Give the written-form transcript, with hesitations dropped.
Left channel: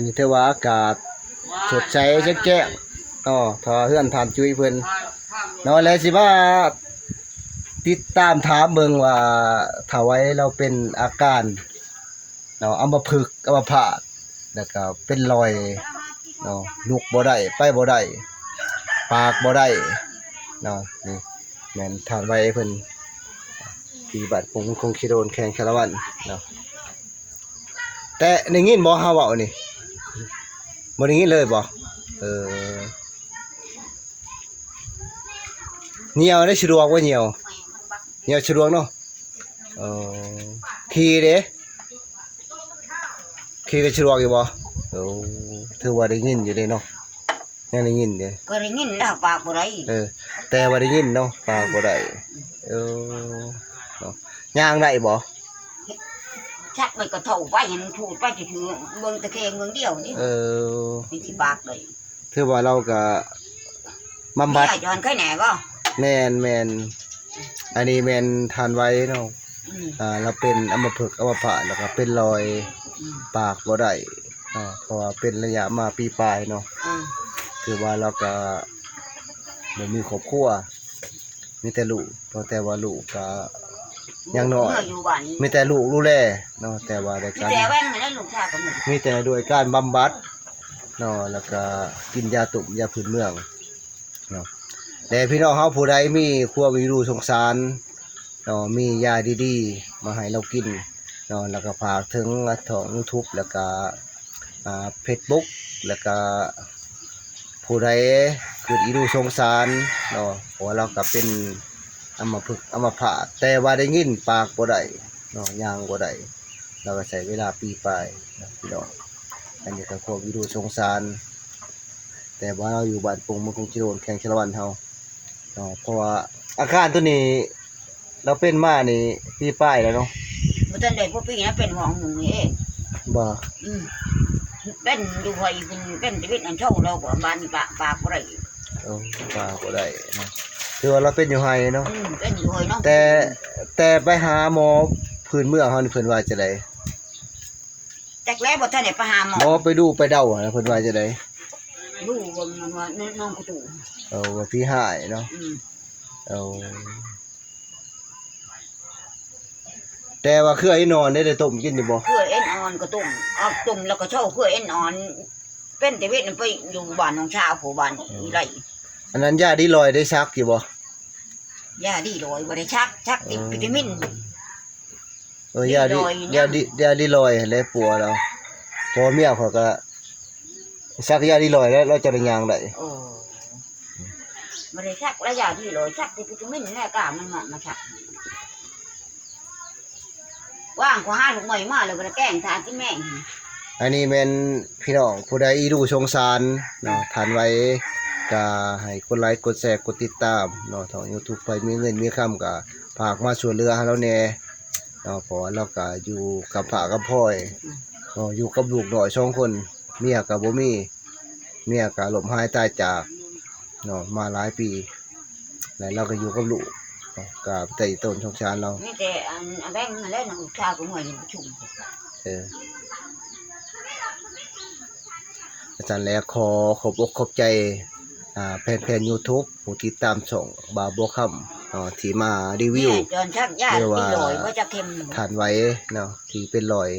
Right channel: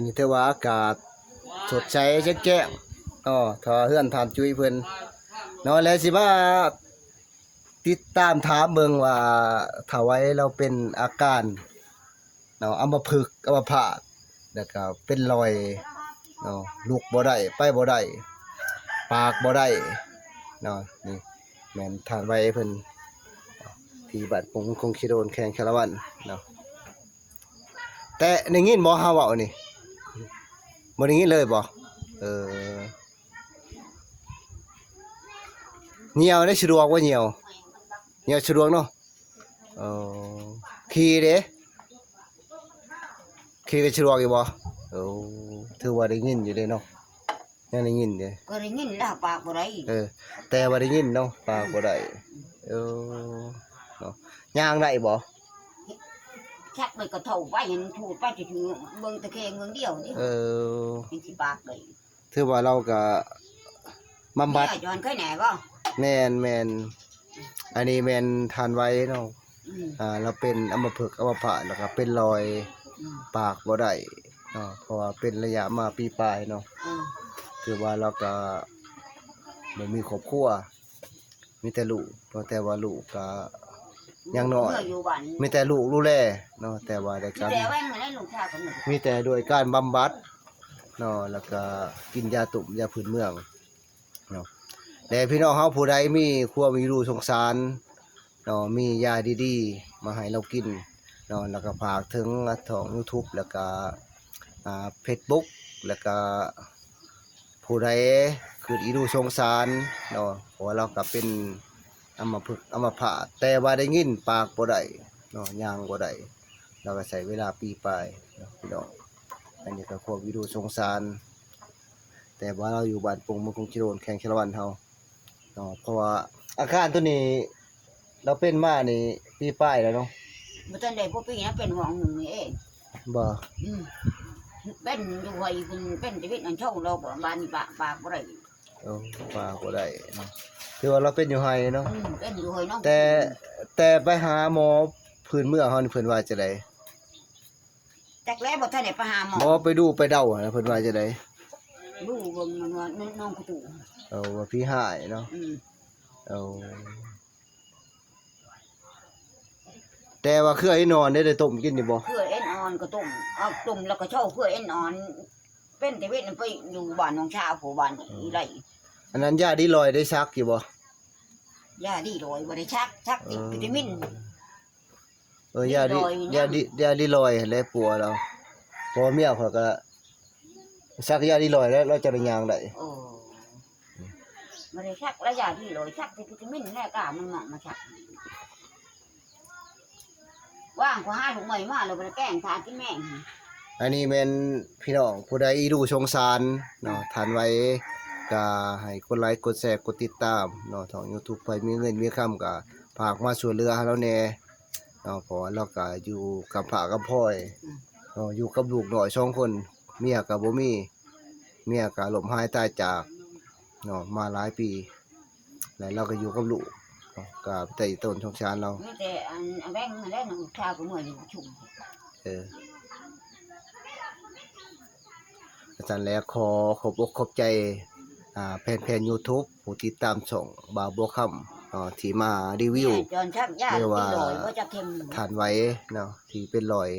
นนี้ถือว่าอากาศสดใสแจ้งๆถ้าเฮือนทานจุ้ยเพิ่นแล้วสิมาติดตามถามเบิ่งว่าถ้าไว้เราเป็นอาการอัมพฤกษ์อัมพาตแล้วก็เป็นรอยลุกบ่ได้ไปบ่ได้ปากบ่ได้นี่แม่นทานไว้เพิ่นที่บ้านผมคงสิโดนแข่งคารวันแต่ได้ยินบ่เฮาเว้านี่บ่ได้ยินเลยบ่เหี่ยวได้สะดวกบ่เหี่ยวสะดวกเนาะขี่เด้ขี่ได้สะดวกอยู่บ่ถือว่าได้ยินอยู่เด้เนาะยังได้ยินเด้ก็ได้ยินแล้วปากบ่ได้แต่ว่าได้ยินเนาะปากบ่ได้ย่างได้บ่ชักไปก็เท่าไปเห็นพูดไปถือเบิ่งตะแคงเมืองเดียวนี่มีที่ปากเลยถือว่าเราก็บำบัดจอนเคยแหน่บ่แม่นอันนี้แม่นทานไว้เนาะเราเป็นอัมพฤกษ์อัมพาตแล้วก็เป็นรอยปากบ่ได้เพราะว่าเป็นระยะมาปีปลายเนาะคือว่าเราก็บ่มีครอบครัวมีแต่ลูกแต่ว่าลูกก็ยังน้อยมีแต่ลูกดูแลเนาะแต่ว่าได้การมีแต่ด้วยการบำบัดแล้วก็กินยาตุ่มยาพื้นเมืองเนาะแต่พี่น้องเฮาผู้ใดมีความมีรู้สงสารมียาดีๆมาให้เรากินแล้วก็ฝากถึงทาง YouTube แล้วก็Facebook แล้วก็ผู้ใดเกิดอีรู้สงสารเพราะว่าเราก็เป็นอัมพฤกษ์อัมพาตแต่ว่าได้ยินปากบ่ได้ย่างบ่ได้เราก็ใช้เวลาปีปลายพี่น้องอันนี้ก็ความอีรู้สงสารแต่ว่าเราอยู่บ้านปงมันคงสิโดนแข่งชลวันเฮาเพราะว่าอาการตัวนี้เราเป็นมานี่ปีปลายแล้วเนาะบ่ทันได้พวกปีนะเป็นห้องนึงนี่เองบ่เป็นอยู่ไผเป็นชีวิตอันเช่าเราก็บ้านนี่ปากบ่ได้ปากบ่ได้เนาะคือว่าเราเป็นอยู่ไห้เนาะเป็นอยู่ไห้เนาะแต่ไปหาหมอพื้นเมืองเฮานี่เพิ่นว่าจะได๋จักแล้วบ่ทันได้ไปหาหมอไปดูไปเดาเพิ่นว่าจะได๋ดูเบิ่งมันว่าน้องกระตูว่าพี่หายเนาะแต่ว่าคือไอ้นอนได้ต้มกินนี่บ่คือเอ็นอ่อนก็ต้มเอาต้มแล้วก็เช่าคือเอ็นอ่อนเป็นแต่เวทไปอยู่บ้านน้องชาวผู้บ้านอีไรอันนั้นยาดีลอยได้ชักอยู่บ่ยาดีลอยบ่ได้ชักติดวิตามินยาดีลอยแล้วปัวเราพอเมียเขาก็ชักยาดีลอยแล้วเราจะได้ย่างได้บ่ได้ชักแล้วยาดีลอยชักติดวิตามินแน่กล้ามันเหมาะมาชักว่างขอหาลูกใหม่มาเลยบ่ได้แกล้งทานที่แม่อันนี้แม่นพี่น้องผู้ใดอีดูสงสารทานไว้ก็ให้กดไลค์กดแชร์กดติดตามทาง YouTube ไปมีเงินมีคำก็ฝากมาช่วยเหลือให้เราแน่เพราะเราก็อยู่กับพ่อกับพ่อยอยู่กับลูกน้อย2คนเมียก็บ่มีเมียก็ล้มหายตายจากมาหลายปีแล้วเราก็อยู่กับลูกก็แต่ต้นสงสารเรามีแต่อันแบงค์มาแล้วลูกชายก็มื้อนี้ประชุมอาจารย์แล้วขอขอบใจแฟนๆ YouTube ผู้ติดตามช่องบ่าวบัวค่ำที่มารีวิวจนชักยาที่ลอยว่าจะเค็มทานไว้ที่เป็นรอย